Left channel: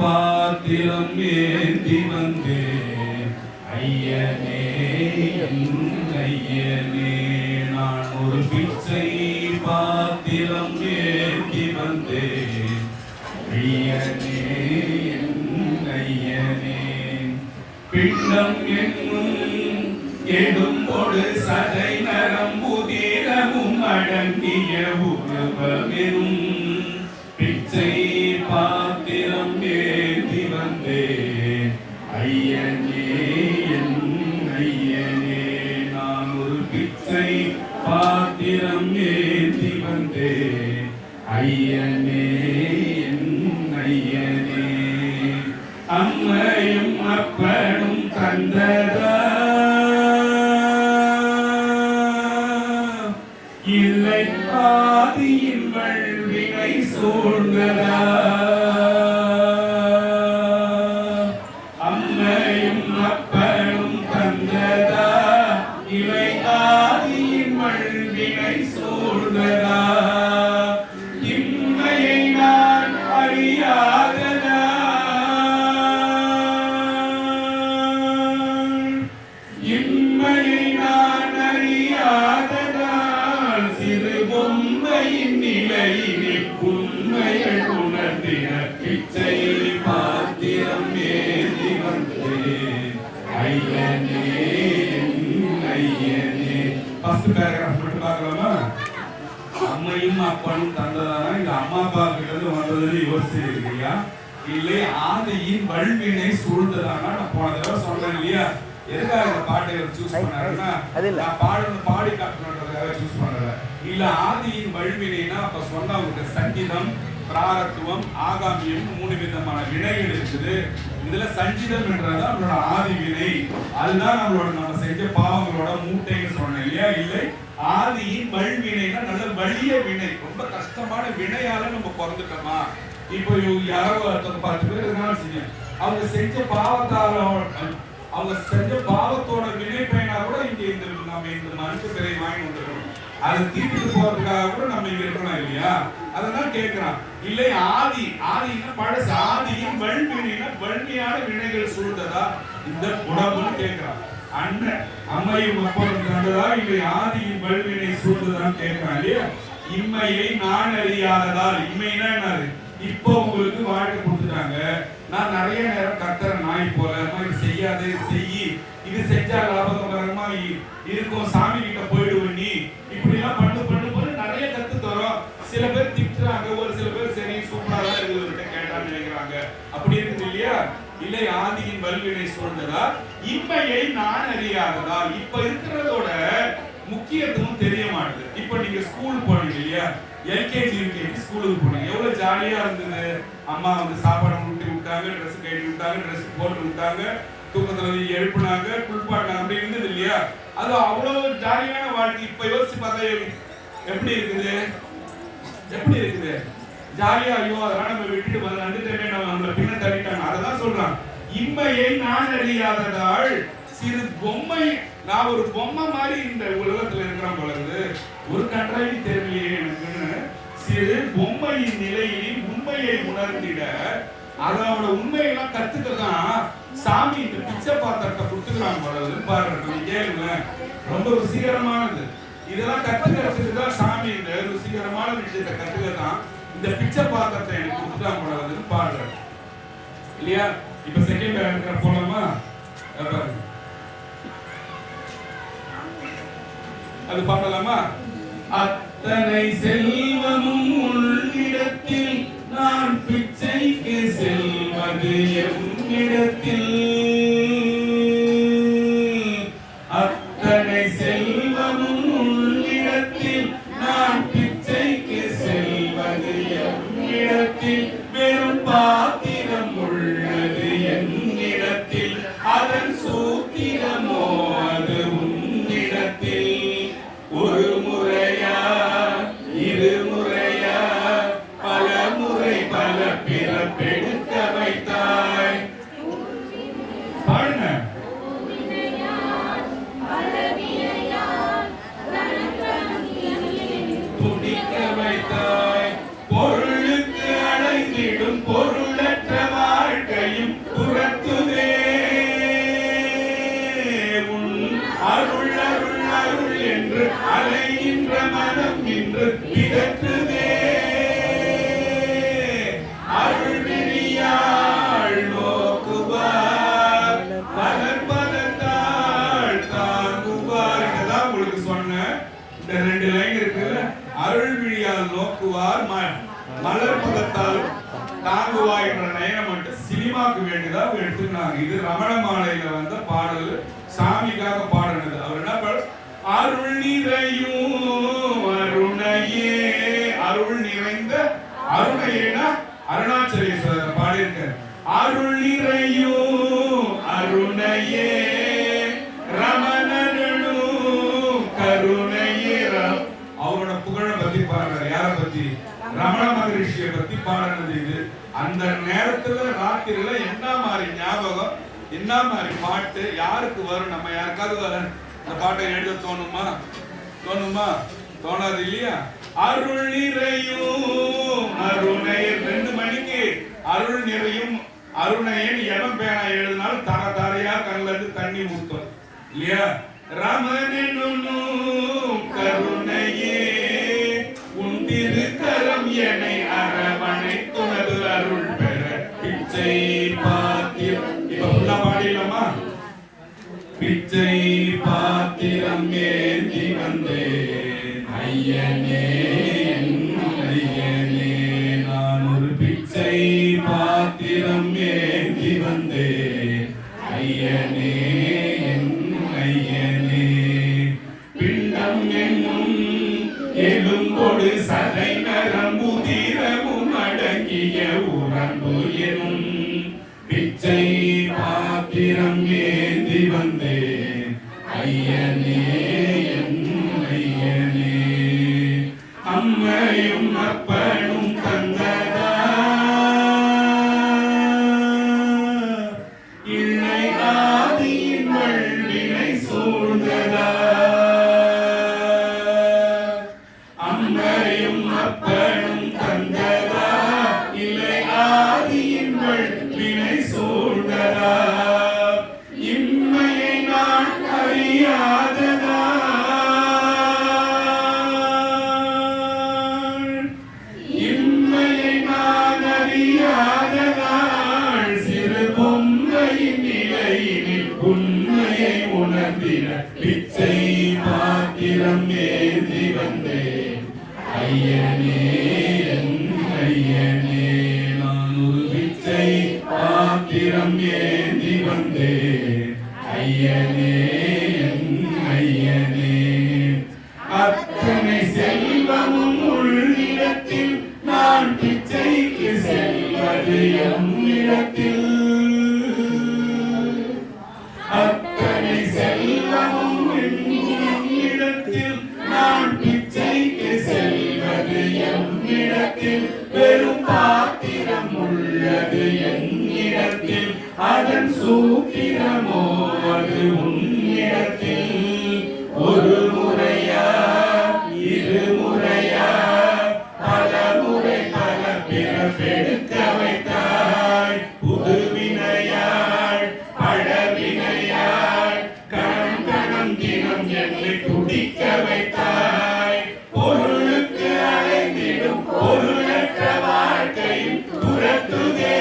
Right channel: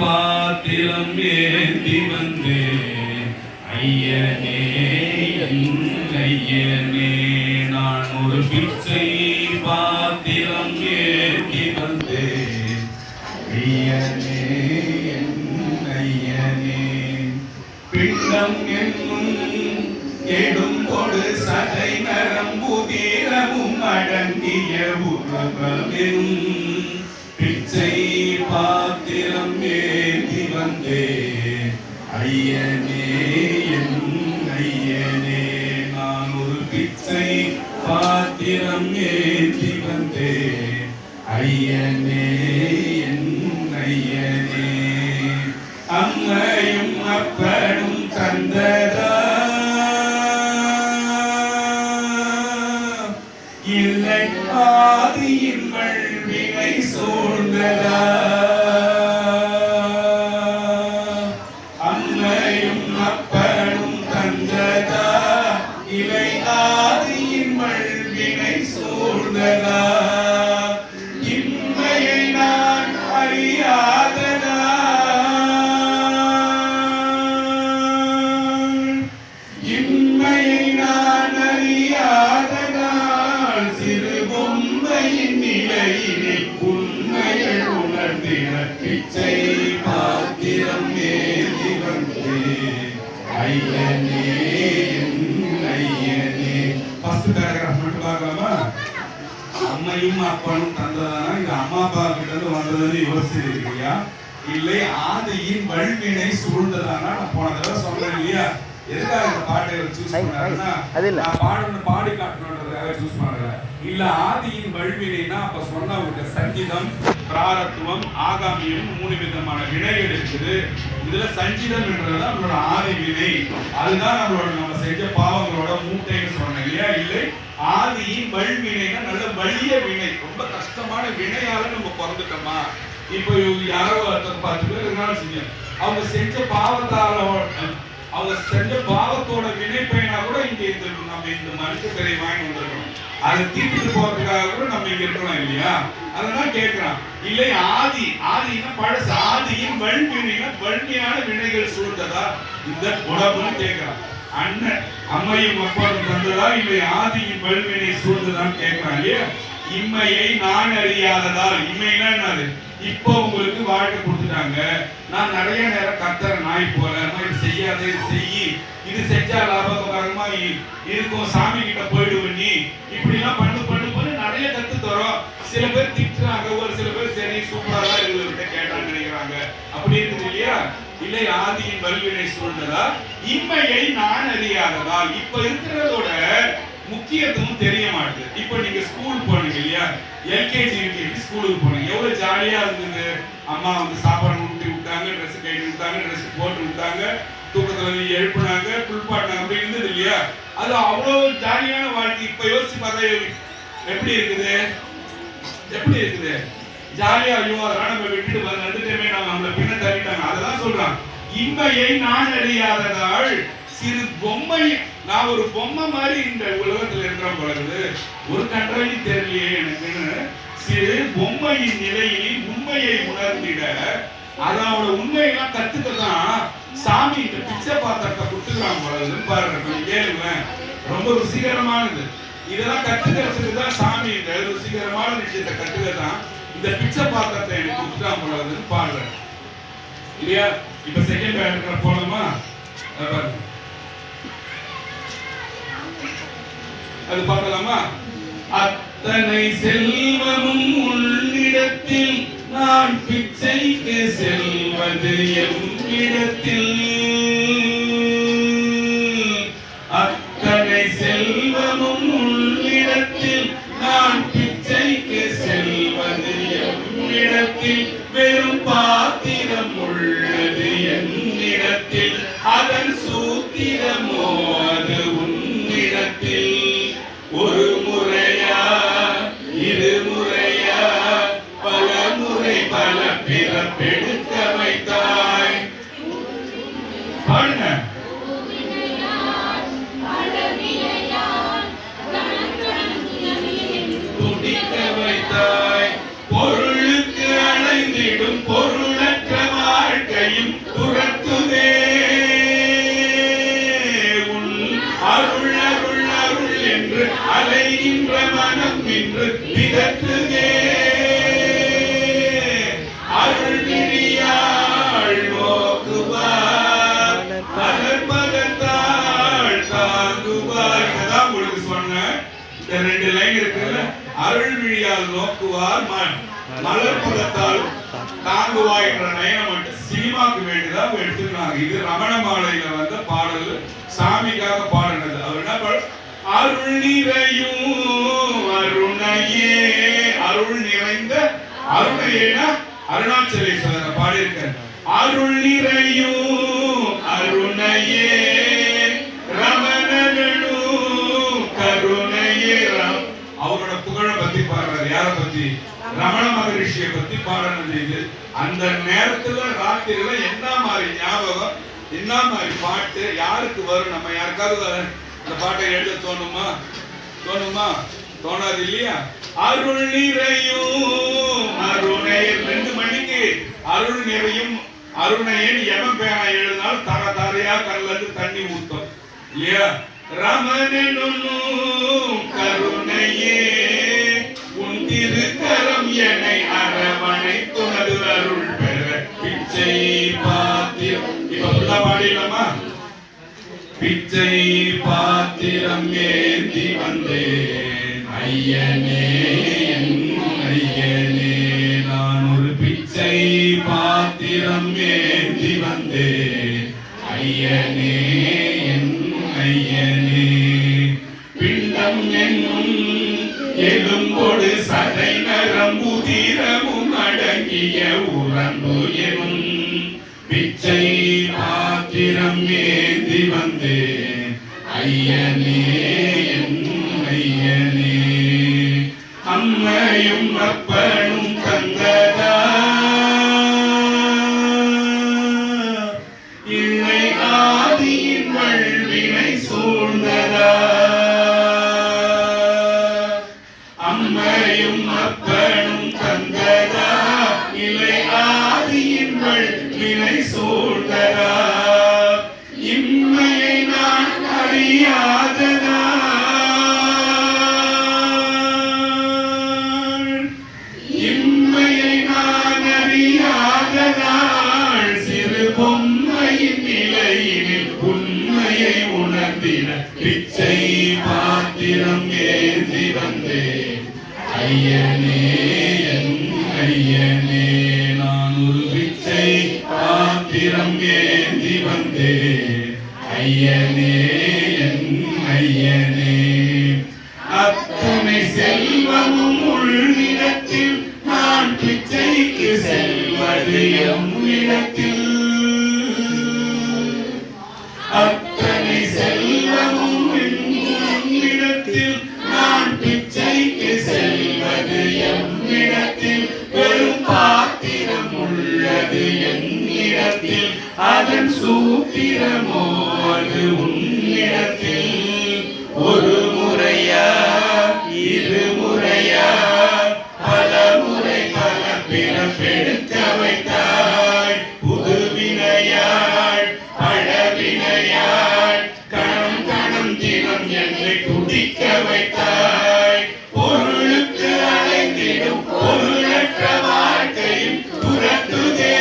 பாத்திரம் ஏந்தி வந்து ஐயனே ஐயனே நான் ஒரு பிச்சை பாத்திரம் ஏந்தி வந்து ஐயனே ஐயனே பிண்டம் என்னும் எடுங்கொடு சதை நரம்புதிரமும் அடங்கிய உருவமெனும் பிச்சை பாத்திரம் ஏந்தி வந்தே ஐயனே ஐயனே நான் ஒரு பிச்சை பாத்திரம் ஏந்தி வந்தே ஐயனே ஐயனே அம்மையும் அப்பனும் தந்ததா இல்லை ஆதியின் வல்வினை சூழ்ந்ததா அம்மையும் அப்பனும் தந்ததா இலை ஆதியின் வல்வினை சூழ்ந்ததா இம்மையை நான் அறியாததா இம்மையை நான் அறியாததால் சிறு பொம்மையின் நிலையினில் உண்மைகள் உணர்ந்தின பிச்சை பாத்திரம் ஏந்தி வந்து ஐயனே ஐயனே. ஃபர்ஸ்ட் பேராகிராஃப் மட்டும் பார்க்கலாமா? அம்மையும் அப்பனும் தந்ததானா இந்த அம்மா அப்பா கிட்ட இருந்து வந்ததுன்னு யோசிச்சிருக்கியா? இல்லை ஆதியின் வல்வினை சூழ்ந்ததானா? நான் போன தடவை சொன்னேன் இல்லையா, எதுக்காக இந்த பாட்டை சூஸ் பண்ணாருன்னா நான் பாடி காட்டணுன்றதுக்காக சூஸ் பண்ணல. இல்ல ஆதியின் வல்வினைனா அப்ப சொன்ன உங்க சங்கீதம் பிராரத்துவம் ஆகாமியம் 3 விதமான வினைகள் இருக்குது. இதுல சங்கீதம் என்றது நம்மளோட ஆதி வினை, அதுதான் நம்ம செஞ்ச பாவங்களோட மூட்டைன்னு சொன்னேன் இல்லையா. இல்லை ஆதியின் வல்வினைனா நல்ல வலிய வினை, ரொம்ப கஷ்டமான வினையால நம்ம பிறந்துட்டோமா. இப்போ யாரோ ஒருத்தர் 10 பேர் இருந்தாலும் செஞ்சோம், அவங்க செஞ்ச பாவத்தோட வினை பயனா கூட இங்க நம்ம இந்த மனுஷ பிறை வாங்கி வந்திருக்கணும். அதை தீர்த்து போறதுக்காக கூட நம்ம இங்க இருக்கணும் இல்லையா. அதெல்லாம் கேட்கிறான். இல்லை ஆதினா பழசு, ஆதியின் வல்வினைனா வன்மையான வினைகள் சூழ்ந்ததா இந்த குணம்னு கேட்கிறான். அண்ணன் அம்மையும் அப்பனும் தந்ததா இல்லை ஆதியின் வல்வினை சூழ்ந்ததான்னு கேட்கிறான் இல்லையா. இம்மையை நான் அறியாததால், இம்மைனா என்னது, இப்போ உங்களுக்கு வாழ்க்கை கொடுத்துட்டாங்க, நான் நிறைய நேரம் கத்துற நாய் போல இது செய்யாத இது செய்யி, இது செஞ்சா லாபகரமா இருக்கும், சாமி கிட்ட போயிடுவேன் நீ இப்படி எல்லாம் பண்ணு நிறைய கத்து தரோம். சில பேர் திட்டுறாங்க, ஒரு சில பேர் சரி சூப்பரா தான் இருக்குது கேட்டான்னு நினைக்கிறாங்க. அப்படி இருக்குது இல்லையா. இல்லை ஆதியின் வல்வினை சூழ்ந்ததா இம்மையை நான் அறியாததால், இப்ப இருக்கிறதோட முக்கியத்துவம் தெரிய மாட்டேது. இப்ப நீங்க ஸ்கூல் போனீங்க இல்லையா, எல்கேஜி யூகேஜி ஸ்கூலுக்கு போனீங்க, எவ்வளவு ஜாலியா இருந்தது. அம்மா வந்து சாப்பாடு ஊட்டி விட்டாங்க, ட்ரெஸ் கைட்டு விட்டாங்க, ட்ரெஸ் போட்டு விட்டாங்க, தூக்கத்துல எழுப்புனாங்க, குளிப்பாட்டினாங்க, அப்படி இருந்தது இல்லையா. அது அவ்வளவு ஜாலியான வாழ்க்கை. இப்ப யோசிச்சு பார்த்தா எப்படி இருக்குது, எப்படி இருக்குது ஜாலியா. ஐயோ அதெல்லாம் நம்ம விட்டுட்டு வந்துட்டேமே, நம்மள பின்ன தள்ளிட்டாங்க. அதெல்லாம் சொல்றான். இம்மையை நான் அறியாததால் சிறு பொம்மை, நான் ஒரு பொம்மை மாதிரி இந்த உலகத்துல இருக்கிற பொழுது ஒரு கன்றாவி தெரியலையே எனக்குன்னு சிறு பொம்மையின் நிலையில் உண்மையை உணர்ந்திட, அதோட உண்மையெல்லாம் கத்துக்கதான் சாமி இந்த பிச்சை பாத்திரத்தை கொடுத்துக்கிறான் பொழுது பாருங்க. கேளுங்களேன், ரொம்ப ருசிகரமானது. இதெல்லாம் கத்துக்கிறதுக்கு தான் சாமி இந்த ருசிகரமான விஷயத்தை கத்துக்கதான் இந்த பிச்சை பாத்திரத்தை எனக்கு கொடுத்துட்டான் பொழுதுன்னு பாருங்க இல்லையா. இப்ப செகண்ட் பேராகிராஃப் போலாமா? அது பார்க்கலாமா? அத்தனை செல்வமும் உள்ளிடத்தில் நான் பிச்சைக்கு செல்வது என்னிடத்தில், அத்தனை செல்வமும் உள்ளிடத்தில் நான் பிச்சைக்கு செல்வது என்னிடத்தில், வெறும் பாத்திரம் உள்ளது என்னிடத்தில், அதன் சூத்திரமோ அது உன்னிடத்தில். ஒரு முறையா இரு முறையா பல முறை பல பிறப்பெடுக்க வைத்தாய், பிதற்றுதே அருள் விழியாள் நோக்குவார் மலர்பதத்தாள் தாங்குவார். இதுதான் உங்களுக்கு சொன்னேன். இந்த 2 லைன் இருக்கு. அருள் விழியால் நோக்குவார் மலர்பதத்தால் தாங்குவார் என்ற நயனம் மட்டும் சினிமாக்கு வேண்டிதான் எடுத்துக்கிறாங்க. இது ரமண மாலையில வந்த பாடல், சாமிக்காக பாடினது. அவர் என்ன பாடல்? அருள் நிறையும் அருணையே, அருள் நிறைந்த அருணையேனா அருணாச்சலேஸ்வரர் பாடியிருக்கார். அருள் நிறையும் அருணையே ரமணனும் கருணையே. அவரோட புகழை பத்தி பாடுறாரு. யார பத்தி? ரமண மகரிஷியை பத்தி பாடினது இது. அந்த நேரத்துல ராத்திரில என்ன மாதிரி ஞாபகம், என்ன மாதிரி பாட்டு யாருக்கு வரும்? நம்ம யாருக்காவது இந்த பாட்டை எழுத தோணுமா? தோணாது இல்லையா? அருள் நிறையும் அருணை 2 மணிக்கு அருள் நிறையும் அருணையன் எவன் பேனா எழுதினால் தர தரையா கல்லது தண்ணி ஊத்தும் இல்லையா? ரமணனும் கருணையே உன் திருக்கரம் என்னை அரவணை துணது அருள் பெற பிச்சை பாத்திரம். இப்ப ஃபுல்லா பாடிடலாமா? பிச்சை பாத்திரம் ஏந்தி வந்தேன் ஐயனே ஐயனே, நான் ஒரு பிச்சை பாத்திரம் ஏந்தி வந்தேன் ஐயனே ஐயனே. பிண்டம் என்னும் எலும்பொடு சதை நரம்புதிரமும் அடங்கிய உறம்பு எனும் பிச்சை பாத்திரம் ஏந்தி வந்தேன் ஐயனே ஐயனே. அம்மையும் அப்பனும் தந்ததா இல்லை ஆதியின் வல்வினை சூழ்ந்ததா. அம்மையும் அப்பனும் தந்ததா இல்லை ஆதியின் வல்வினை சூழ்ந்ததா. இம்மையை நான் அறியாததா இம்மையை நான் அறியாததால் சிறு பொம்மையின் நிலையினில் உண்மையை உணர்ந்திட பிச்சை பாத்திரம் ஏந்தி வந்தேன் ஐயனே ஐயனே. நான் ஒரு பிச்சை பாத்திரம் ஏந்தி வந்தேன் ஐயனே ஐயனே. அத்தனை செல்வமும் உள்ளிடத்தில் நான் பிச்சைக்கு செல்வது எம்மிடத்தில். அத்தனை செல்வமும் என்னிடத்தில் நான் பிச்சைக்கு செல்வது எம்மிடத்தில். வெறும் பாத்திரம் உள்ளது என்னிடத்தில், அதன் சூத்திரமோ அது உன்னிடத்தில். ஒரு முறையா இரு முறையா பல முறை பல பிறப்பெடுக்க வைத்தாய். புது வினையாள் பழவினையாள் கணம் கணம் தினம் என்னை குடிக்க வைத்தாய். பொருளுக்கு அலைந்திடும் பொருளற்ற வாழ்க்கையில் துரத்துதே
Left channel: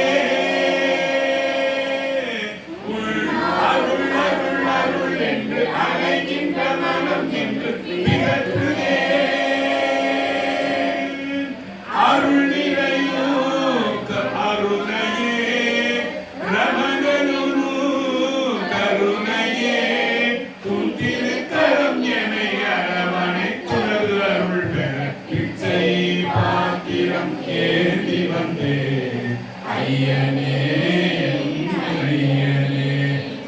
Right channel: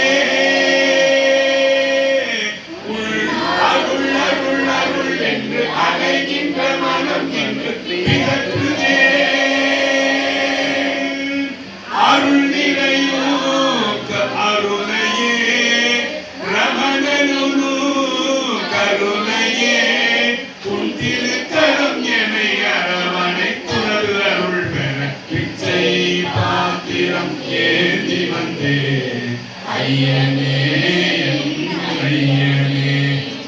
அருள் அருள் அருள் என்று அலைகின்ற மனம் என்று பிதற்றுதே. அருள் நிறையும் அருணையே ரமணனும் கருணையே உன் திருக்கரம் என்னை அரவணை துணரு அருள் பெற பிச்சை பாத்திரம் ஏந்தி வந்தேன் ஐயனே ஐயனே.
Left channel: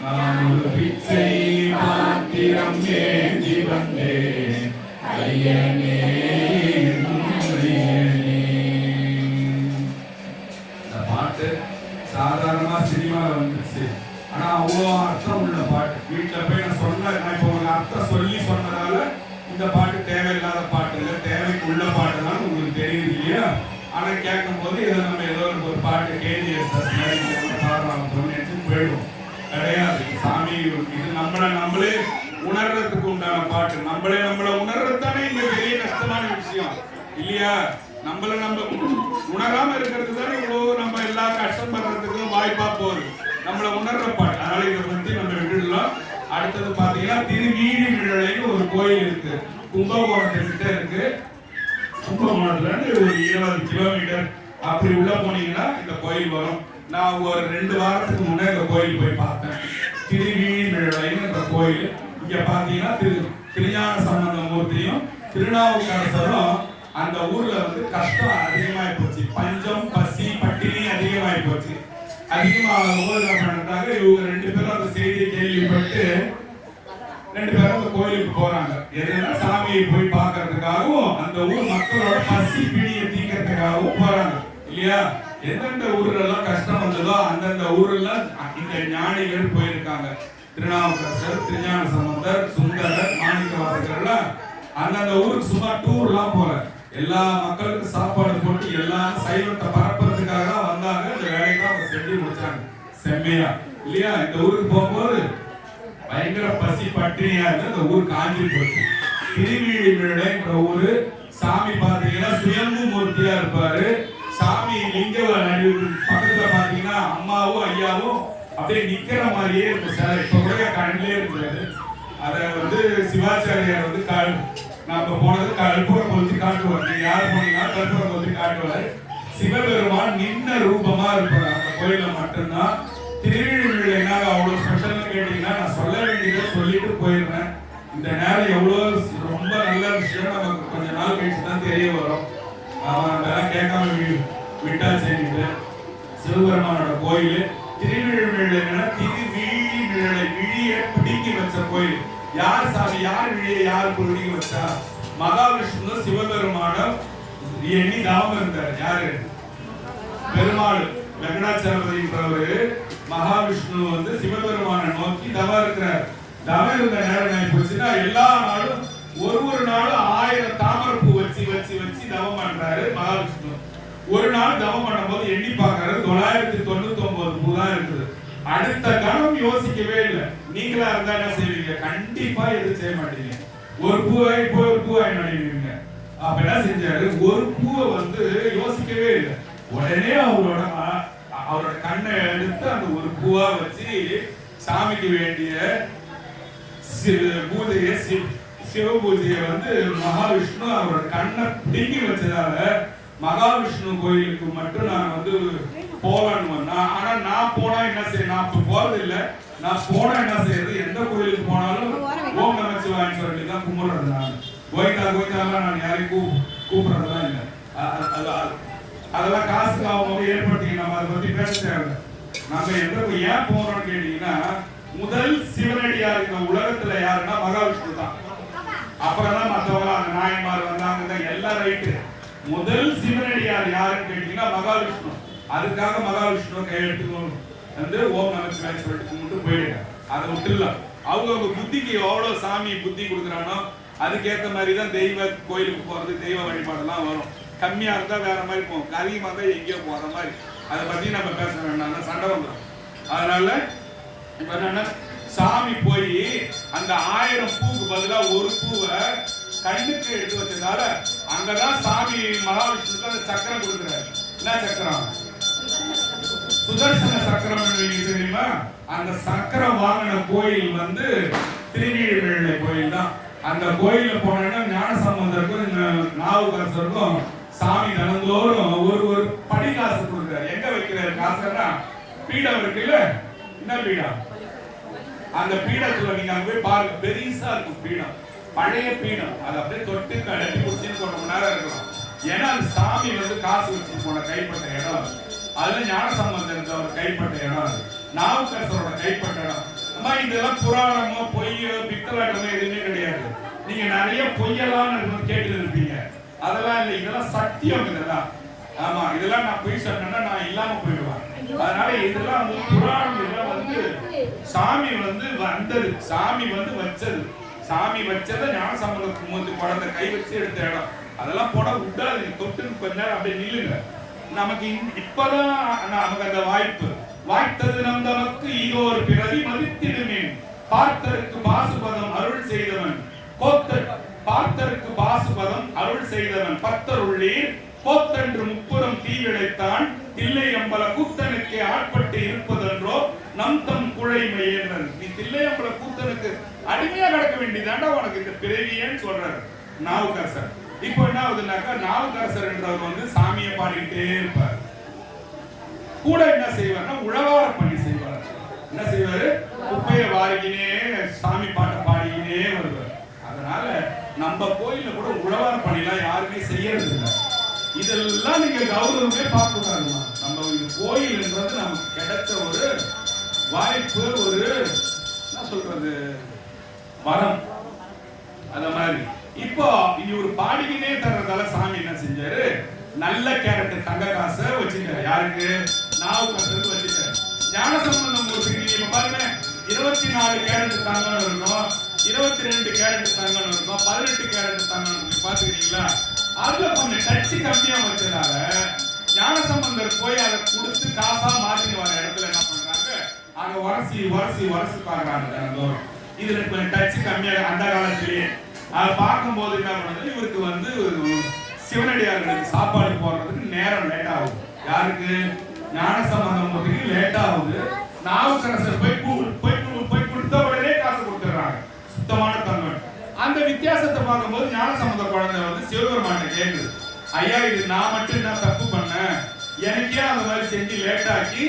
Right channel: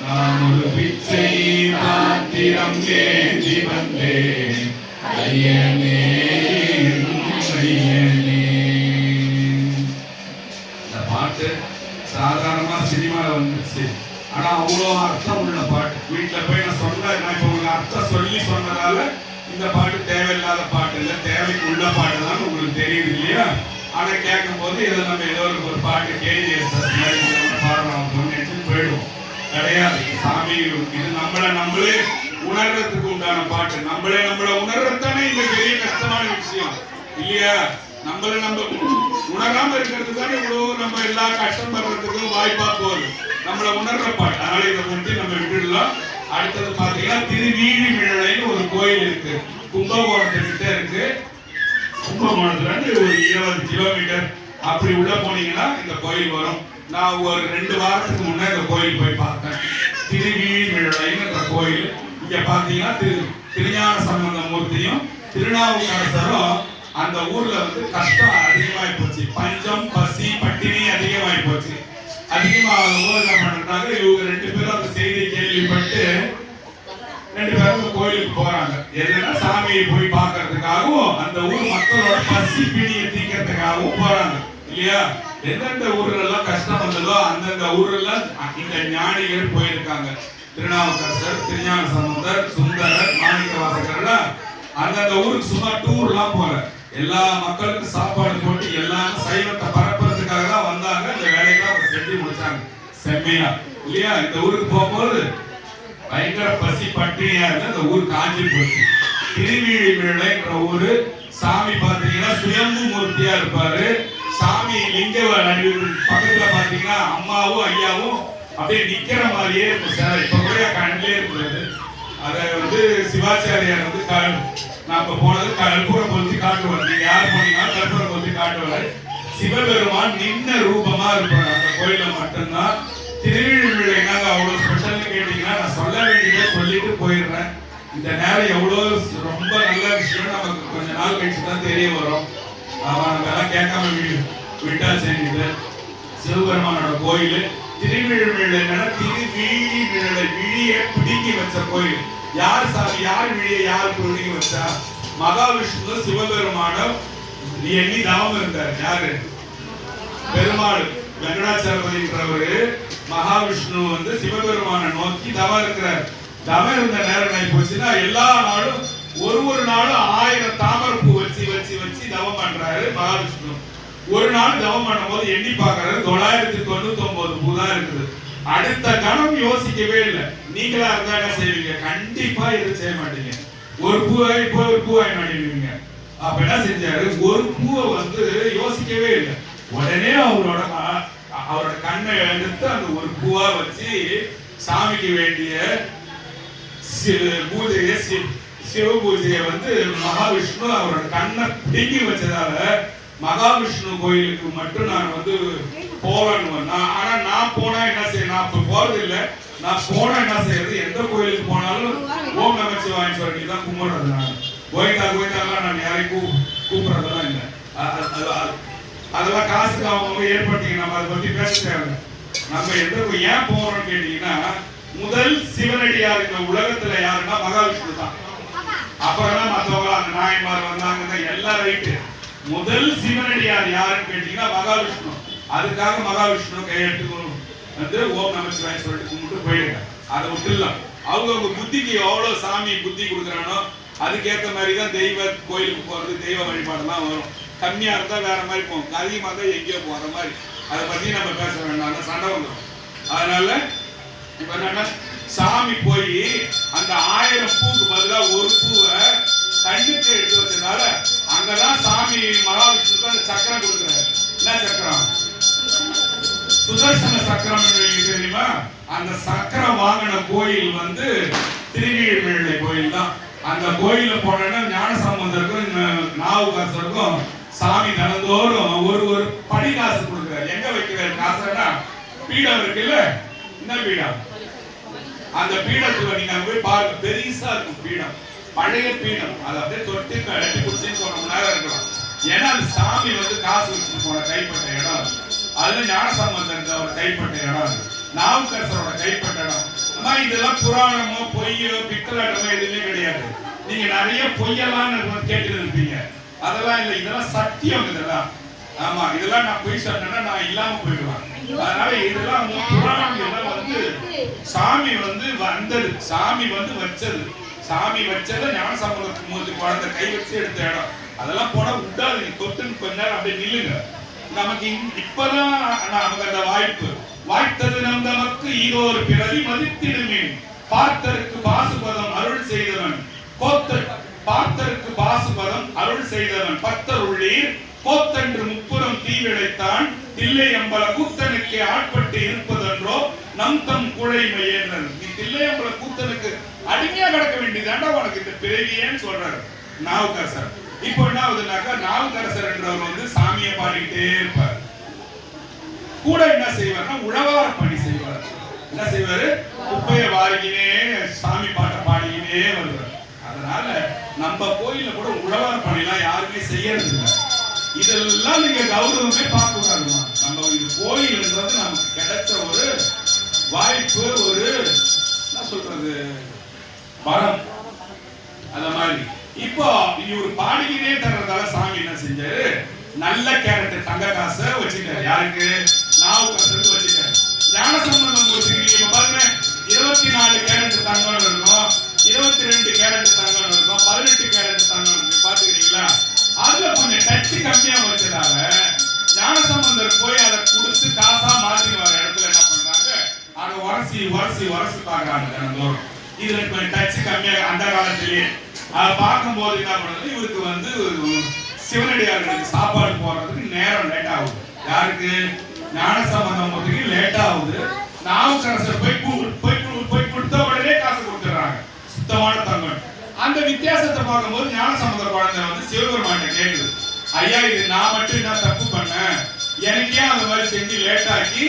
நான் ஒரு பிச்சை பாத்திரம் ஏந்தி வந்தேன் ஐயனே ஐயனே. இந்த பாட்டு சாதாரணமா சினிமால வந்துருச்சு, ஆனா அவ்வளோ அர்த்தம் உள்ள பாட்டு. வீட்டில் போய் நான் சொன்னேன், நான் இப்போ உங்களுக்கு அர்த்தம் சொல்லி சொன்னதால இந்த பாட்டு தேவையில்லாத பாட்டு இல்லை, தேவைக்கு உள்ள பாட்டு தான் உங்களுக்கு தெரியுது இல்லையா? ஆனா கேட்கும் போது இதை நம்ம ஏதோ ஒரு பாட்டு கேஜிஎஸ் பாடுறாங்க நினைச்சு போயிடுவோம். கிடையாது. சாமி இது நம்மளே உணர்றதுக்கு உண்டான பாட்டு. நம்மளை உணர்றது தானே இந்த பெரிய கஷ்டமான விஷயம். இல்லையா? நம்மள நம்ம உணராம இருக்கிறது தானே இவ்வளவு நம்ம எல்லா கஷ்டம் படுறதுக்கும் வாய்ப்பா போகுது. நம்மள உணர்ற பாட்டு. அதனால இதை பற்றி நம்ம விட்டுடலாம். அடுத்தது பாத்தீங்கன்னா திருவீழிமிழலைன்னு ஒரு கோயில் இருக்கு, கும்பகோணத்துக்கிட்ட இருக்கு. கும்பகோணத்துல இருந்து ஒரு 20 கிலோமீட்டர் அப்படி உள்ள போனீங்கன்னா இந்த கோயில் வரும். நான் ஒரு 2 வாரத்துக்கு முன்னே இந்த கோயில் போய் பார்த்தேன். திருவீழிமிழலைன்னு கோயில். இங்க பாத்தீங்கன்னா திருஞான சம்பந்த மூர்த்தியும் திருநாவுக்கரசரும் அந்த ஊர்ல வந்து கஷ்டம் அதிகமாகி போச்சு. பஞ்சம், பசி, பட்டினி அதிகமாகி போச்சு. அதிகமாகும் போது என்ன பண்றாங்க, இவங்க 2 பேரும் அந்த செய்தியை கேள்விப்பட்டு 2 பேரும் கோயிலுக்கு போறாங்க. எதுனா சாமியை போய் பார்க்கறதுக்காகவும் அந்த ஊர் மக்களோட பசி பிடியை தீக்கிறதுக்காகவும் போறாங்க இல்லையா? எந்தெந்த ஊர்ல எல்லாம் கஷ்டம் வந்ததோ அந்தந்த ஊர்ல இந்த ஞானிகள் போயிருக்காங்க. திருநாவுக்கரசர், திருஞான சம்பந்தர், சுந்தரர், மாணிக்க வாசகர் அந்தந்த ஊருக்கு சும்மா டூர்லாம் போல எல்லா மக்களுக்கும் சாப்பாடு போட்டு எல்லா சைவத்தை பரப்புறதுக்காக தான் வந்தாங்க. இந்த வேலையெல்லாம் அவங்க செஞ்சு முடிச்சாங்க செம்மையா இல்லையா? இந்த ஊருக்கு போகும்போது பயங்கர பசி பட்டினியா இருந்து இந்த ஊர் காஞ்சி போச்சு. திருவீழிமிழலைன்ற ஊரு. சாமி பாத்தீங்கன்னா சுயம்பு மூர்த்தியா இருப்பாரு. சாமி லிங்க பக்கத்துல பாத்தீங்கன்னா அம்மாவும் ஐயாவும் அப்படியே நிக்கிற மாதிரியே இருக்கும். இப்ப கூட கண்ணிலே இருக்கிறது. அதை வந்து சிவாச்சாரியார் வந்து நாம போனது கற்பூரம் கொளுத்தி காட்டுவார். நீங்க யார் போனீங்கன்னா கற்பூரம் கொளுத்தி காட்டுவார். சிவபெருமான் நின்ன ரூபமா இருப்பார் அந்த கோயில மட்டும்தான். திருவீழிமிழலை என்னங்க அவ்வளவு ஸ்பெஷல்னு கேட்டீங்கன்னா நான் சொல்ல வேண்டியதை சொல்லிட்டு போயிடுறேன். இந்த நேரம் எவ்வளவு ரொம்ப நல்ல விஷயம் நமக்கு கொஞ்ச நாள் கழிச்சு தான் தெரிய வரும். நம்ம எல்லாம் கேட்காம விட்டா சரிங்க. சிவபெருமானோட கோயில் திருவீழிமிழலை. திருவீழிமிழலை விழியை பிடுங்கி வச்ச கோயில். யார் சாமி, யார் விழியை யார் பிடுங்கி வச்சா? மகாவிஷ்ணு சிவபெருமானம் எண்ணி தாமம் இருந்தார். யாரு? பெருமாள் வெங்கடாச்சலபதின்றவரு மகாவிஷ்ணு வந்து சிவபெருமான நோக்கி தவம் இருக்கிறார். தவம் இருந்த நேரம் என்ன போச்சுன்னா எல்லா நாளும் ஒரு நாளும் 1000 தாமரைப்பூ வச்சு வச்சு வச்சு தவம் பண்றாரு மகாவிஷ்ணு. ஒரு நாள் தவம் பண்ணும்போது எண்ணி பார்க்கறாரு 999 பூ தான் இருக்குது. அடுத்த கணம் யோசிக்கவே இல்லை. நீங்களா இருந்தா என்ன செய்வீங்க? கண்டிப்பா எதுவும் செய்ய மாட்டீங்க. ஒரு பூவை இப்போ ஒரு பூவாய் நடிவீங்க. அப்ப என்ன செஞ்சாரு, ஒரு பூவை வந்து யோசிக்கவே இல்லை. உடனே அவரோட கண்ணை எடுத்து அந்த ஒரு பூவா வச்சு சாமிக்கு வேண்டிய பூஜையை சிவ பூஜையை வந்து மகாவிஷ்ணு அவரோட கண்ணை பிடுங்கி வச்சதால மகாவிஷ்ணு கோயிலுக்கு மட்டும் நான் வந்து போவேன். ஆனா நான் போனா என்ன செய்ய, நான் இப்ப போறது இல்லை. நான் போனா என்ன செய்யறது, எந்த கோயிலுக்கு போனாலும் ஓம் நமச்சிவாயன்னு சொல்லி தான் கும்பிடுறது. நான் கோயிந்தா கோயிந்தாலாம் நான் யாரையும் கூப்பிடுறதெல்லாம் இல்லை. அதெல்லாம் காசுக்கு அவங்க ஏற்படுத்திங்க. நம்ம அதை பத்தி பேச தேவை. நம்ம ஏன் போறோம்னு கேட்டீங்கன்னா, முதல் சிவனடியார் இந்த உலகத்துல யாருன்னா மகாவிஷ்ணு தான். அப்புறம் தான் மற்றவங்க அந்த நாயன்மார் வந்தாங்க எல்லாம் ரைட்டு. முதல் சிவனடியார் யாருன்னு கேட்டீங்கன்னா மகாவிஷ்ணு. அதுக்காக மகாவிஷ்ணு கையெழுத்துக்கணும் வந்து ஓம் நமச்சிவாயன்னு சொல்லிட்டு கும்பிட்டு போயிடுங்க. அதை விட்டுலாம். அவங்க புத்திக்கு எவ்வளவு சாமி புத்தி கொடுக்குறானோ அதுக்கேற்ற மாதிரி தான் தெய்வ கோயிலுக்கு போறது, தெய்வ வழிபாடுலாம் வரும். கம்மியா இருந்தா வேற மாதிரி போகும், அதிகமா இருந்தா எங்கேயோ போற மாதிரி. அதை பத்தி நம்ம பேச வேண்டாம், சண்டை வந்துடும். அதனால இப்ப என்னன்னா, சாமி போய் அந்த 1000 பூக்கு பதிலா ஒரு பூவை கண்ணுக்கு எடுத்து வச்சதுனால அங்கதான் சாமி மகாவிஷ்ணுக்கு அந்த சக்கரம் கொடுக்குறாரு. என்ன சக்கரம்? சுதர்சன சக்கரம் தெரியுமா? அந்த சக்கரம் வாங்கின கோயில் வந்து திருவீழிமிழலை கோயில் தான். அந்த கோயில போனோன்னா ஞானசம்பந்தருக்கும் நாவுக்கரசருக்கும் சாமி தினந்தோறும் ஒரு படி காசு கொடுக்குறாரு. எங்க வைக்கிறாரு காசுனா, பீடம் இருக்குல்ல, என்ன பீடம்? அந்த பீடத்துல நீங்க அங்க போய் பாருங்க, பெருசா இருக்கும் பீடம், பழைய பீடம். அதை அப்படியே தொட்டு கட்டி குடிச்சுன்னு 1 மணி நேரம் இருக்கலாம். ஏன்னா அந்த சாமி வந்து காசு வச்சுட்டு போன கைப்பட்ட இடம். அதுல ஞானசம்பந்தருக்கு அவர் கைப்பட்ட இடம், நாவுக்கரசரோட கைப்பட்ட இடம். அம்மா இதெல்லாம் புராணமோ பொய்யோ பித்தலாட்டமோ எதுவுமே கிடையாது. நீங்க நிறைய பொய்யெல்லாம் கேட்டு இருப்பீங்க. அதெல்லாம் இல்லை, இதெல்லாம் சத்தியம். இதெல்லாம் ஆமா, இதெல்லாம் நான் பொய் சொன்னேன்னா நான் இல்லாம போயிடுவேன். அதனால இதெல்லாம் புராணம் எல்லாம் வந்து சாமி வந்து வந்தது, சாமி வந்து வச்சது. சாமி வச்சதை ஞானசம்பந்தத்துக்கு மூஞ்சி குழந்தை கை வச்சு எடுத்த இடம். அதெல்லாம் போனா விடாது. நீ தொட்டுன்னு கொஞ்ச நேரம் அப்படியே நில்லுங்க. நமக்கு இப்பதான் நமக்கு அந்த வாய்த்தது நம் நமக்கு ஈரோர் பிறவி மதித்திடுமே. பார்த்தருக்கு பாசுபதம் அருள் செய்தவன் பார்த்தருக்கு பாசுபதம் அருள் செய்தவன் பக்தருள் கொள்ளீர் கோத்தன்று முப்புறம் தீவிழைத்தான் தில்லை அம்பல கூத்தனுக்கு ஆட்பட்டு இருப்பதென்றோ நம் தம் குழைமை என்றார். நீ தில்லை அம்பல கூத்தனுக்கு அடிமையா கிடக்க வேண்டியதாண்டா உனக்கு இந்த பிறவியேன்னு சொல்றாரு நாவுக்கரசர். இப்போ என்ன ஆகுதுனாக்கா, நாவுக்கரசர் என்றவர் வந்து சாமியை பாடிக்கிட்டே இருப்பார். கூட என்ன செய்வார்னா உழவார பணி செய்வார். என்ன செய்வாரு? குப்பையை வாரிக்கினே சாமி பாட்டை பாடிக்கினே வருவார். அதனால நம்ம கோயில கூட உழவார பணிலாம் யாருமே செய்யறது இல்லை. இதெல்லாம் நீங்க கௌரவமே பார்க்கக்கூடாதுமா. நம்ம இந்த கோயில்ன்றது நமக்கு கிடைச்ச ஒரு வாய்ப்பு, ஒரு என்ன சொல்றது வரம். அத மாதிரி இப்போ இவர் பாடிக்கிட்டே தர்றதால சாமி என்ன செஞ்சாரு, நல்ல கேரக்டர் தங்க காசை வச்சுட்டாரு. யாருக்கு? நாவுக்கரசருக்கு வச்சுட்டாரு. ஞானசம்பந்தம் மூர்த்திக்கு இப்ப பாருங்க 24 கேரட் தங்கம் இருக்கும், 22 கேரட் தங்கம் இருக்கும், 18 கேரட் தங்கம் இருக்கு. பாத்துக்கிறீங்களா? அதுல கொஞ்சம் டச்சு கம்மியா வச்சதால ஞானசம்பந்தர் போய் அதை கொடுத்து காசா மாத்திட்டு வர இடத்துல என்ன பண்றாங்க, அதை உரசி உரசி உரசி பாக்குறாங்க. இதுல கொஞ்சம் டச்சு கம்மியா அந்த காலத்திலேயே அதை பார்க்கும்போது என்ன பண்ணுறது, இவருக்கு வந்து சிவனடியார்களுக்கு சாப்பாடு போடுறதுக்கு நேரம் லேட் ஆகுது. யாருக்கு? ஞானசம்பந்தம் லேட் ஆகுது. நாவுக்கரசர் போய் கொடுத்த உடனே காசு கொடுத்துடுறாங்க, சுத்தமான தங்கம். அந்த வித்தியாசத்தை பார்க்கும்போது ஞானசம்பந்த குழந்தை வந்து சிவபெருமான்ட்ட கேட்குது, ஐயா இது நான் மட்டும் என்ன தப்பு பண்ணேன், எனக்கே அந்த மாதிரி செஞ்சு லேட் ஆக்கி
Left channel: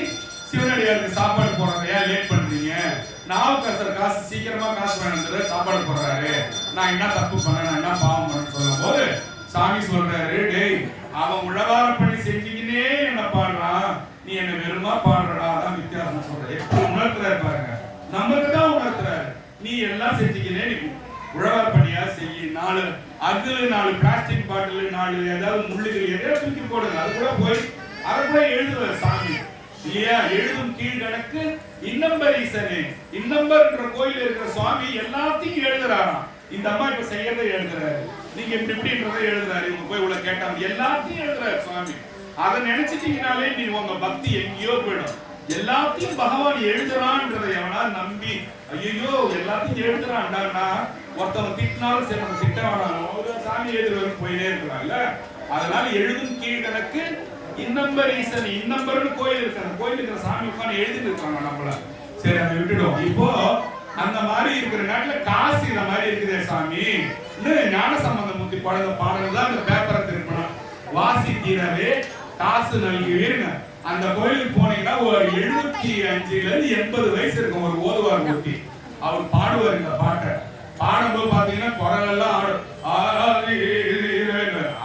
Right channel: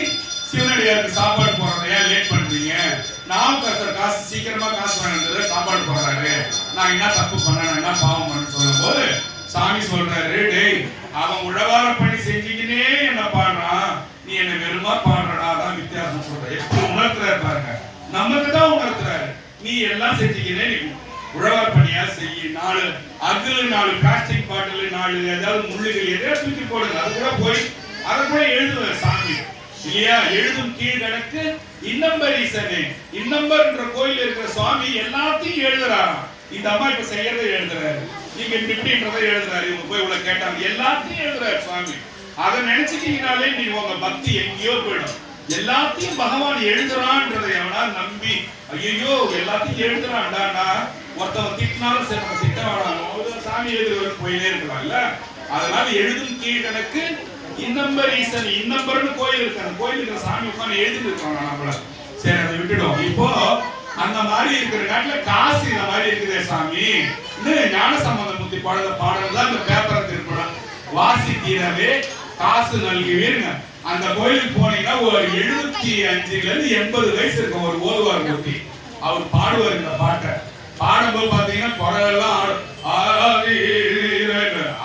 சிவனடியாருக்கு சாப்பாடு போடுறத ஏன் லேட் பண்றீங்க? நாவுக்கரசர் காசு சீக்கிரமா காசு வாங்கிட்டு சாப்பாடு போடுறாரு, நான் என்ன தப்பு பண்ணேன், என்ன பாவம் பண்ணேன்னு சொல்லும் போது சாமி சொல்றாரு, டேய் அவன் உழவார பண்ணி செஞ்சுக்கினே என்ன பாடுறான், நீ என்ன வெறுமா பாடுறடா. அதான் வித்தியாசம் சொல்ற. எப்படி உணர்த்துறாரு பாருங்க, நமக்கு தான் உணர்த்துறாரு. நீ எல்லாம் செஞ்சுக்கினே நீ உழவார பணியா செய்ய, 4 அகல் 4 பிளாஸ்டிக் பாட்டில் 4 ஏதாவது முள்ளுகள் எதையா தூக்கி போடுங்க. அது கூட போய் அதை கூட எழுதுவார் சாமி இல்லையா? எழுதும் கீழ்கணக்கு இன்னம்பரீசனே. இன்னம்பர்ன்ற கோயில் இருக்கிற சுவாமி எல்லாத்தையும் எழுதுறாராம். இந்த அம்மா இப்ப செய்யறதை எழுதுறாரு, நீங்க இப்படி இப்படின்றதை எழுதுறாரு, இவங்க போய் உள்ள கேட்டாங்க, எல்லாத்தையும் எழுதுறாரு சுவாமி. அதை நினைச்சிட்டீங்கனாலே நீங்க உங்க பக்தி எங்கேயோ போயிடும். எல்லாத்தையும் பகவான் எழுதுறான்றதை எவனா நம்பி ஐயோ எல்லாத்தையும் எழுதுறான்டானா ஒருத்தவன் திட்டினாலும் சரி நம்ம திட்ட வேணாம், சாமி எழுதுறவருக்கு போயிட்டே இருக்கலாம்ல. அதனால எழுதும் கீழ்கணக்கு இன்னம்பர் ஈசன். இன்னம்பர்னு கோயில் இருக்கு, அந்த கோயில் இருக்கிற சாமி உட்காந்து எழுதிட்டு இருக்காங்க நம்மள. சரி அதை விட்டுடும். இப்போ அந்த மாதிரி இருக்கிற நாட்டுல காசு இந்த மாதிரி இருக்குதே சாமி, ஞானசம்பந்த மூர்த்தி பாடல் பாடல் இந்த பேப்பரை திருப்பணும், வாசி தீரவே காசு நல்குவீருங்க. அந்த கோயிலுக்கு போனீங்கன்னா ஒரு 75 ல இருந்து 80 வயசு இருக்கும் ஒரு ஓதுவார் மூர்த்தி. அவர் பாடுவார் இந்த பாட்டை. பாடும்போது பாத்தீங்கன்னா குரலெல்லாம்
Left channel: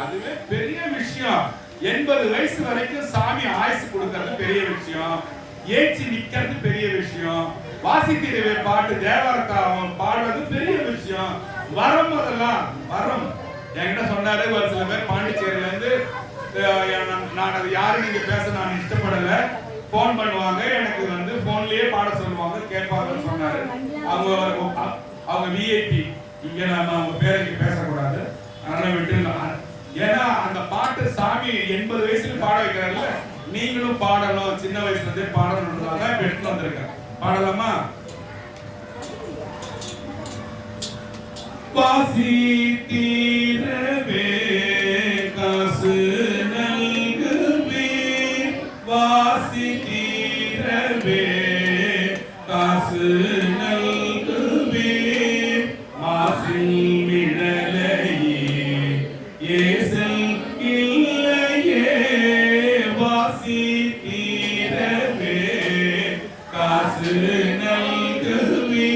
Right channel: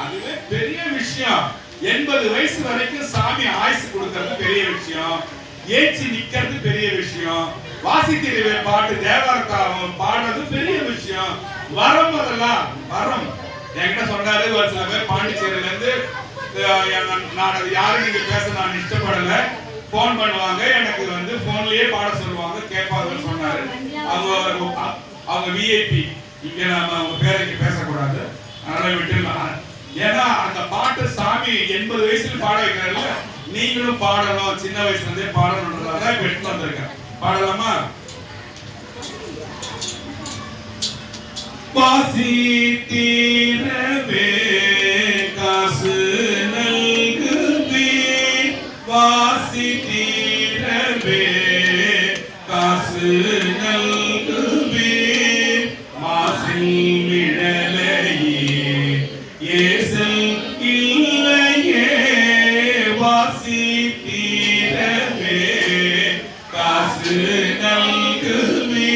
அதுவே பெரிய விஷயம். 80 வயசு வரைக்கும் சாமி ஆயுசு கொடுக்கறது பெரிய விஷயம், ஏச்சி நிக்கிறது பெரிய விஷயம், வாசித்திருவே பாட்டு தேவாரத்தாவும் பாடுறது பெரிய விஷயம். வரம் அதெல்லாம் வரம். என்கிட்ட சொன்னாரு ஒரு சில பேர் பாண்டிச்சேரியில இருந்து, நான் அது யாரும் நீங்க பேச நான் இஷ்டப்படல, போன் பண்ணுவாங்க எனக்கு வந்து போன்லயே பாட சொல்லுவாங்க கேட்பாங்கன்னு சொன்னாரு. அவங்க விஐபி, இங்க நாம அவங்க பேருக்கு பேசக்கூடாது, அதனால விட்டுலாம். ஏன்னா அந்த பாட்டு சாமி 80 வயசுல பாட வைக்கிறாருல்ல, நீங்களும் பாடணும், சின்ன வயசுல இருந்தே பாடணும்ன்றதாக எடுத்து வந்திருக்கேன். பாடலாமா? வாசி தீரவே காசு நல்குவே, வாசி தீரவே காசு நல்குவே, மாசில் மிழலையே ஏசல் இல்லையே, வாசி தீரவே காசு நல்குவே,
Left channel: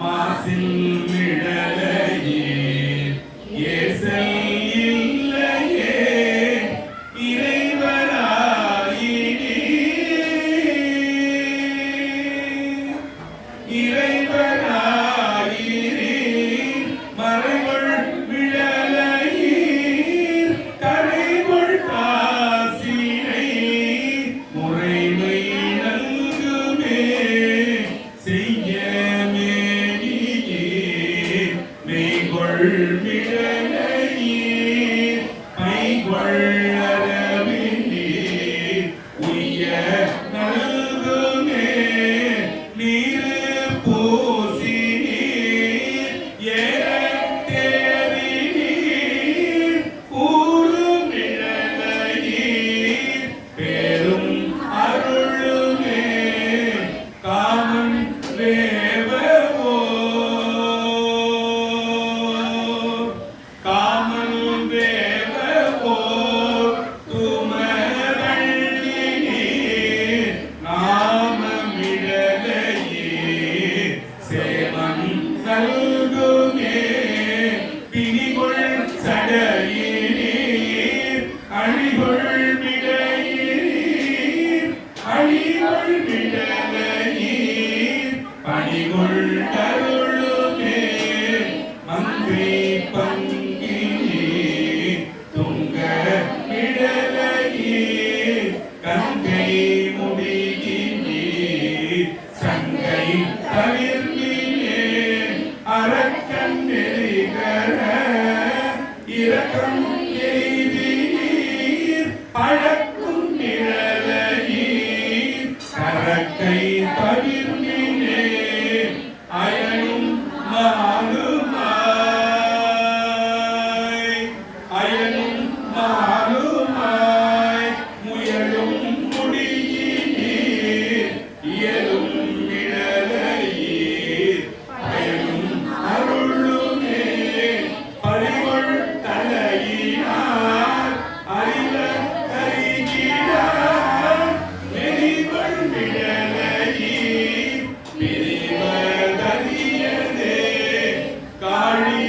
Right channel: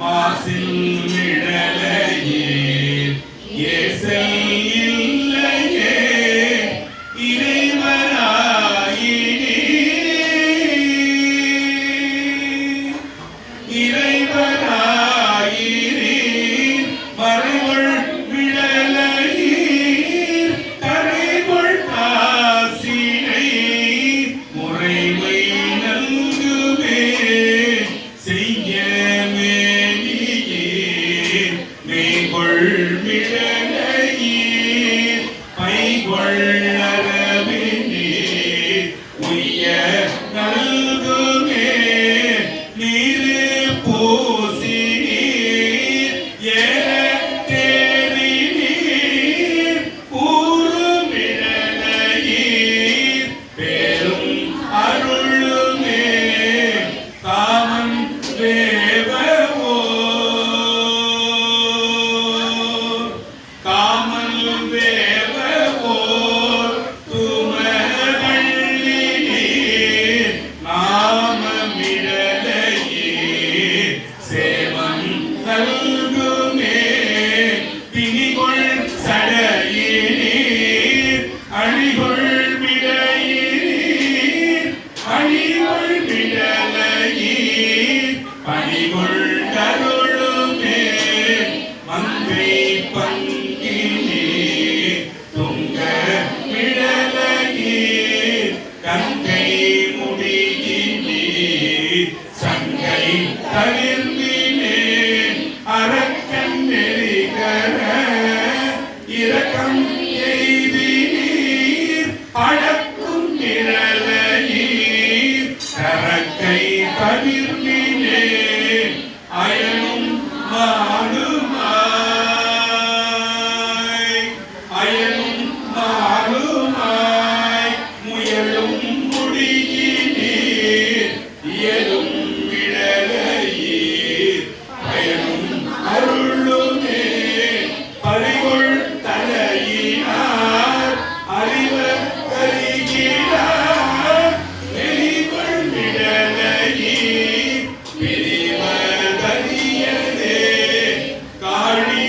மாசில் மிழலையே ஏசல் இல்லையே, இறைவராயினே. விடலையீர் பணிகொண்டருளுமே மங்கை பங்கினே துங்க விடலையீர் கங்கை முடியினே சங்கை தவிர்மினே அரக்கன் நெறிகர இரக்கம் எய்தினீர் பழக்கும் நிழலையீர் கரக்கை தவிர்மினே அயனும் மாலுமாய் அயனும் மாலுமாய் முயலும் முடியினீர் இயலும் விடலையீர் பயனும் அருளுமே பறிகொள் தலையினார் அறிவர் அறிகிறார் நெறிகொள் விடலையீர் பிரிவதறியதே காழி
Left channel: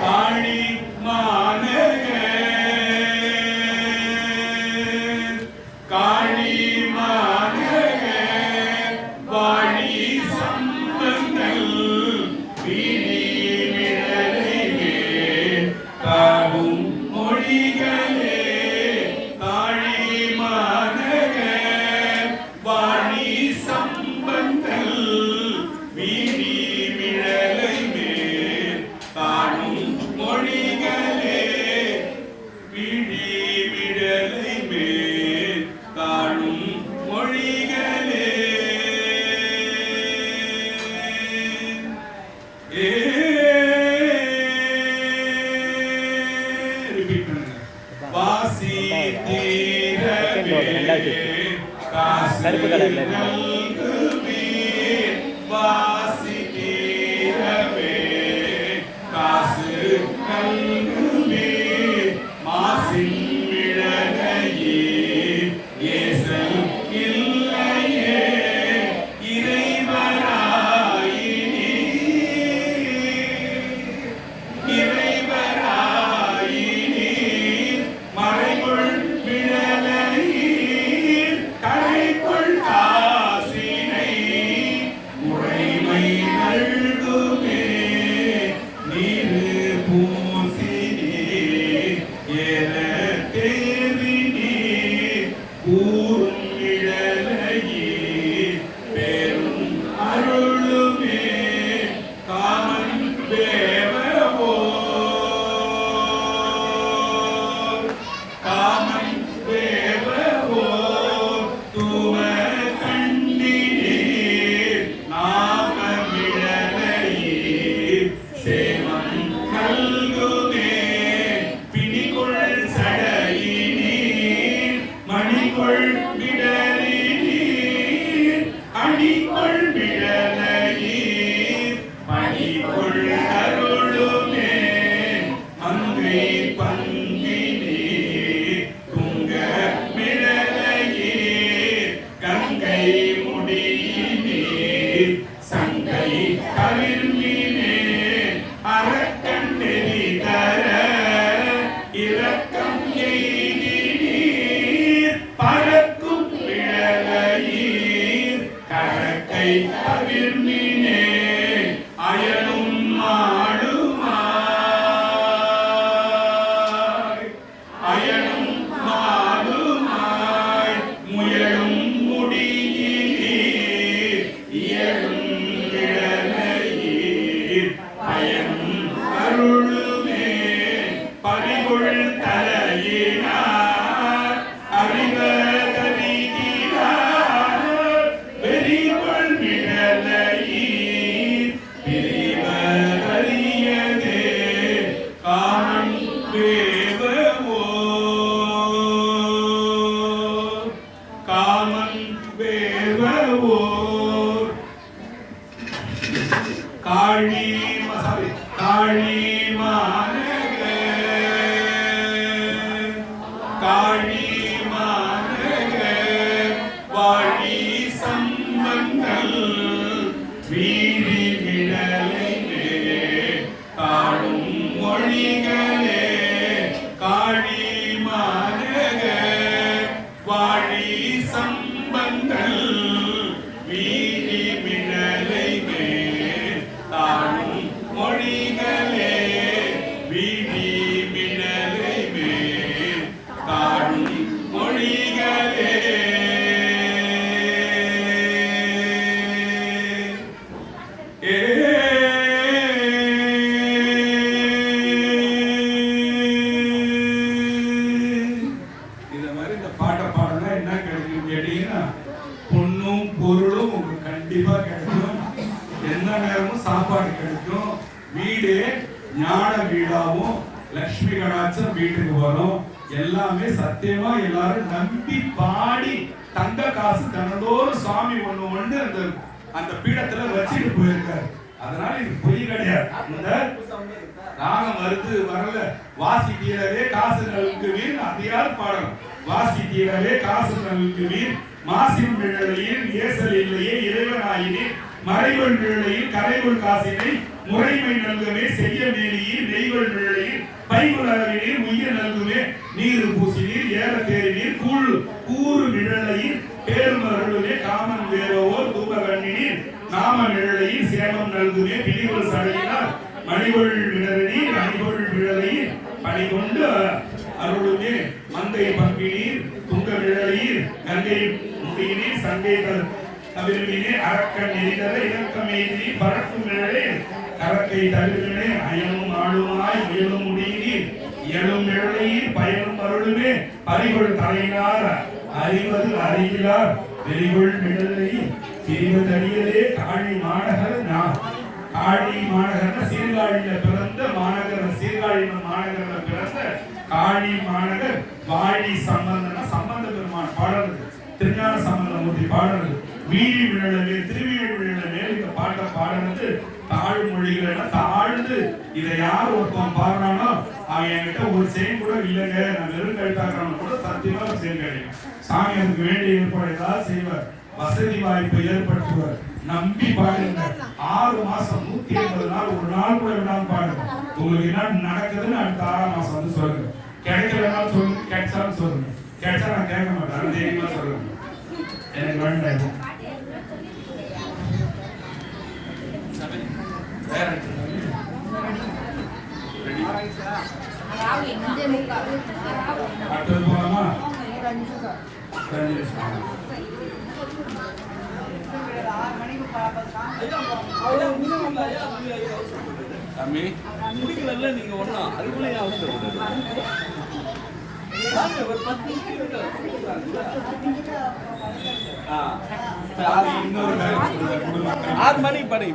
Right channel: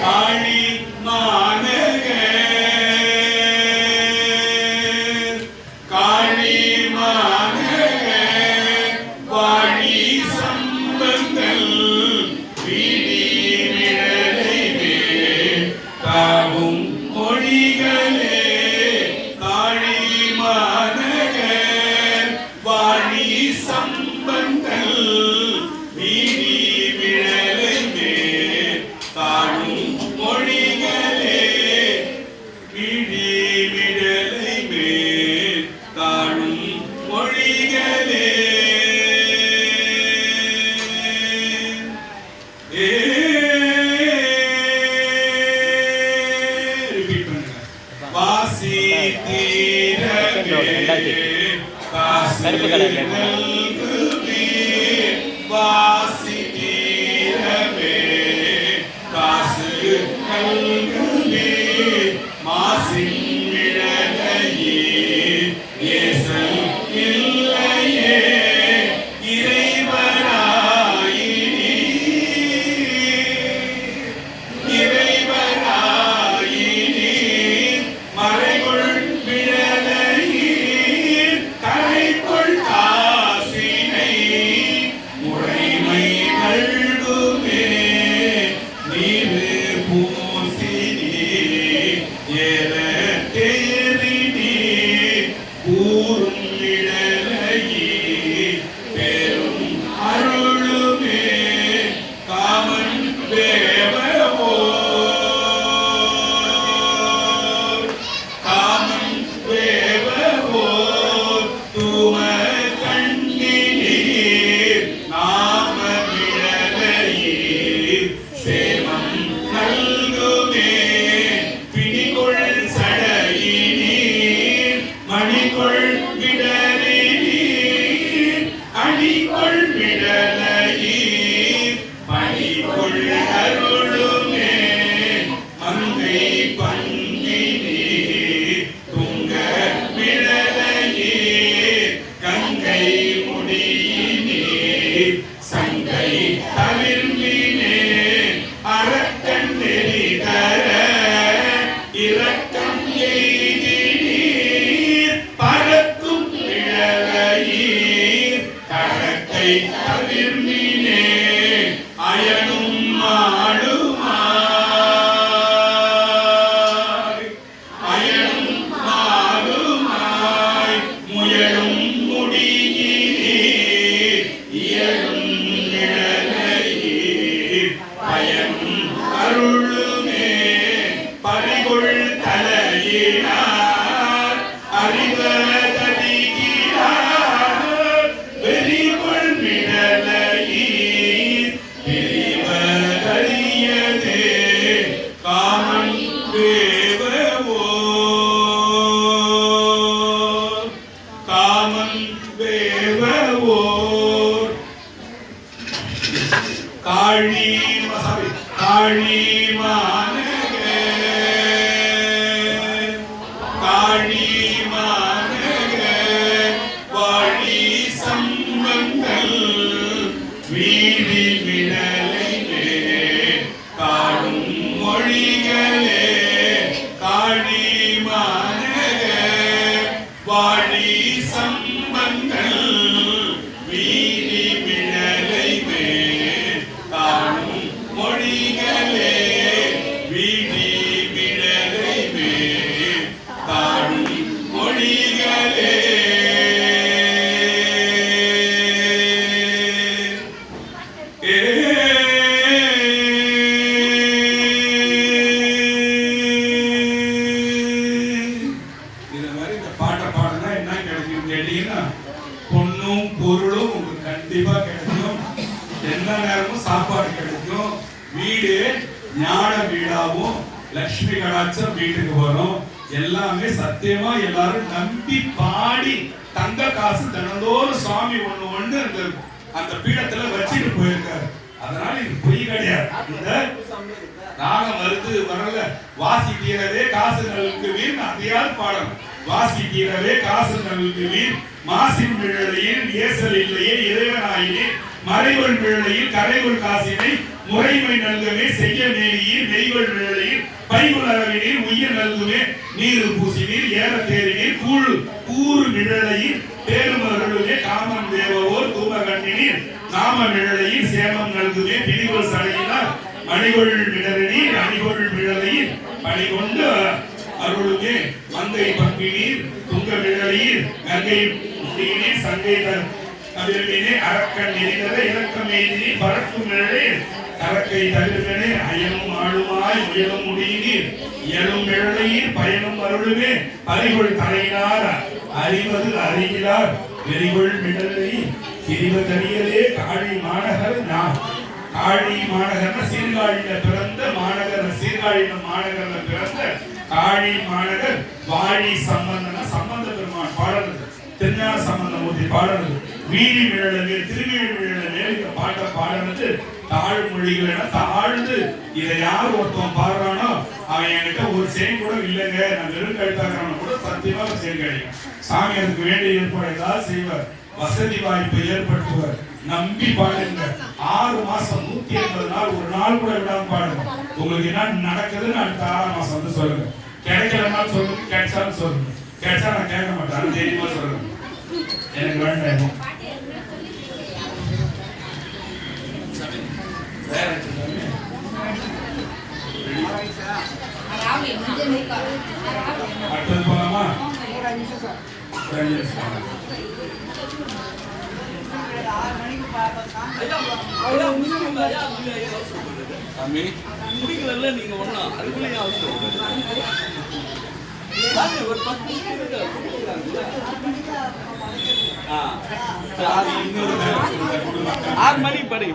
காழி மாநகர் காழி மாநகர் வாழி சம்பந்தல் வீடி விடலைமே தாவும் மொழிகளே காழி மாநகர் வாழி சம்பந்தல் வீடி விடலைமே தாவும் மொழிகளே வீடி விடலைமே தாழும் மொழிகளே ரிப்பீட் பண்ணுங்க வாசி தீரவே கருப்பு கலர்ல இருக்கு. வாசி தீரவே காசு கல்குமே மாசின் விழலையே ஏசல் இல்லையே இறைவனாயினே இறைவனாயினே மறைகுள் விழலையீர் கரைக்குள் காசினை முறைமை நல்குமே நீரு பூசினே ஏற தேரினே கூறும் நிழலையே பெரும் அருளுமே காமன் வேவவோ காமன் வேவவோ தூம கண்ணினீர் நாம விடலையீர் சேமம் நல்குமே பிணிகொள் சடையினீர் மணிகொள் விடலினீர் அணிகொள் விடலையீர் பணிகொள் அருளுமே மங்கை பங்கினீர் துங்க விடலையீர் கங்கை முடியினீர் சங்கை தவிர்மினே அரக்கன் நெறிதர இரக்கம் எய்தினீர் பறக்கும் விழலையீர் கரக்கை தவிர்மினே அயனும் மாலுமாய் அயனும் மாலுமாய் முயலும் முடியினீர் இயலும் விடலையீர் பயனும் அருளுமே பறிகொள் தலையினார் அறிவதறிகிறார் வெறிகொள் விடலையீர் பிரிவதறியதே காமன் வேவவோ காமன் வேவவோ காழி காழி மாநகர் காழி மாநகர் வாழி சம்பந்தல் வீடி விடலைமே காடும் மொழிகளே காழி மாநகர் வாழி சம்பந்தல் சாப்பாடு கிடைக்கும், வீடு ஞான வீடாவும் லட்சுமி கடாட்சம் வீட்டுக்கு வரும். எல்லாமே சத்தியமா எல்லாரும் நம்பி பாடி தங்க காசு தினந்தோறும் சாமி ஒண்ணு அந்த அந்த பீடத்துல வச்சுட்டு போயிருக்காரு. அதனால இது பொய் கிடையாது. இந்த ராகம் வரல வாசி தீரவே காசு நல்கு வீர் அதிகார பாடல். வாசி தீரவே காசு நல்கு வீர் மாசின் விழலையில் ஏசல் இல்லையே இறைவனாயினே மறைவன் விழலையில் கரைவுள் காசினை முறைமை நல்கவே செய்ய மேலியில் நெய்வல் விழலையில் பைகுள் அளவினில் உயிர் நல்குவே நீர் பூசினீர் ஏற தேறினீர் கூறு நிழலையில் பேருமர்களுமே காமன் தேவவோர் தூமகண்ணினீர் நாம நிழலையில் சேமம் நல்குவே பிரிவுள் சடையினார் மணிகொள் நிழலினீர் அணிகொள் விழலையில் பணிகொண்டு அருளுமே மங்கை பங்கினீர் துங்க விழலையில் கங்கை முடியினீர் சங்கை கவிழ்வினே அரக்கன் எரிதர இறக்கம் எய்தி பறக்கும் நிழலே கரக்கை தவிர்வனே அயனும் ஆளுமாய் முயலும் முடியினீர் இயலும் நிழலையில் பயனும் அருளுமே பறிகொள் தலையினார் அறிவது அறிகிறார் வெறிகொள் மிடலை திரிவதறியலே காழி மாநகர் காழி மாநகர் சீர்காழியில பிறந்த மாநகர சீர்காழியில மாநகர பிறந்த காழி மாநகர் வாழி சம்பந்த பெருமான் பாடுறது திருஞான சம்பந்தமூர்த்தி பாடுறது வீதி விழலவே திருவிழி விழலவே இந்த பாட்டை பாடுறது தாழ்மொழிகள் என தாழ்ந்து இதை யார் ஒருத்தன் பாடுறானோ அவன் என்கிட்ட ஒரு செயின் கூட இல்லைங்க நான் வெறும் கழுத்தாக்குறான்னு கூட சத்தியமா ஒரு செயின் கிடைக்கும். சாமி அதுக்கு வேண்டிய ஏற்பாடு ஏதாவது செய்வார், வசதி வாய்ப்பை ஏற்படுத்துவார். நம்பி பாடுங்க. 6 மாசம் 180 நாள் ஒரு நாள் கூட இல்லாம பாடுங்க. உங்களுக்கு என்ன நடக்குதுன்னு அடுத்த 6ஆம் மாசம் வந்து சொல்லுங்க. கிடைக்கலன்னா சொல்லுங்க, கிடைச்சாலும் சொல்லுங்க. கிடைச்சா நான் கேட்க மாட்டேன், அது தைரியமா சொல்லுங்க. எனக்கு வேண்டாம். அடுத்தது போலாமா? முடிக்கல நீங்க ஒண்ணா அதுக்குள்ள அவசரம் 6 மணிக்கு படி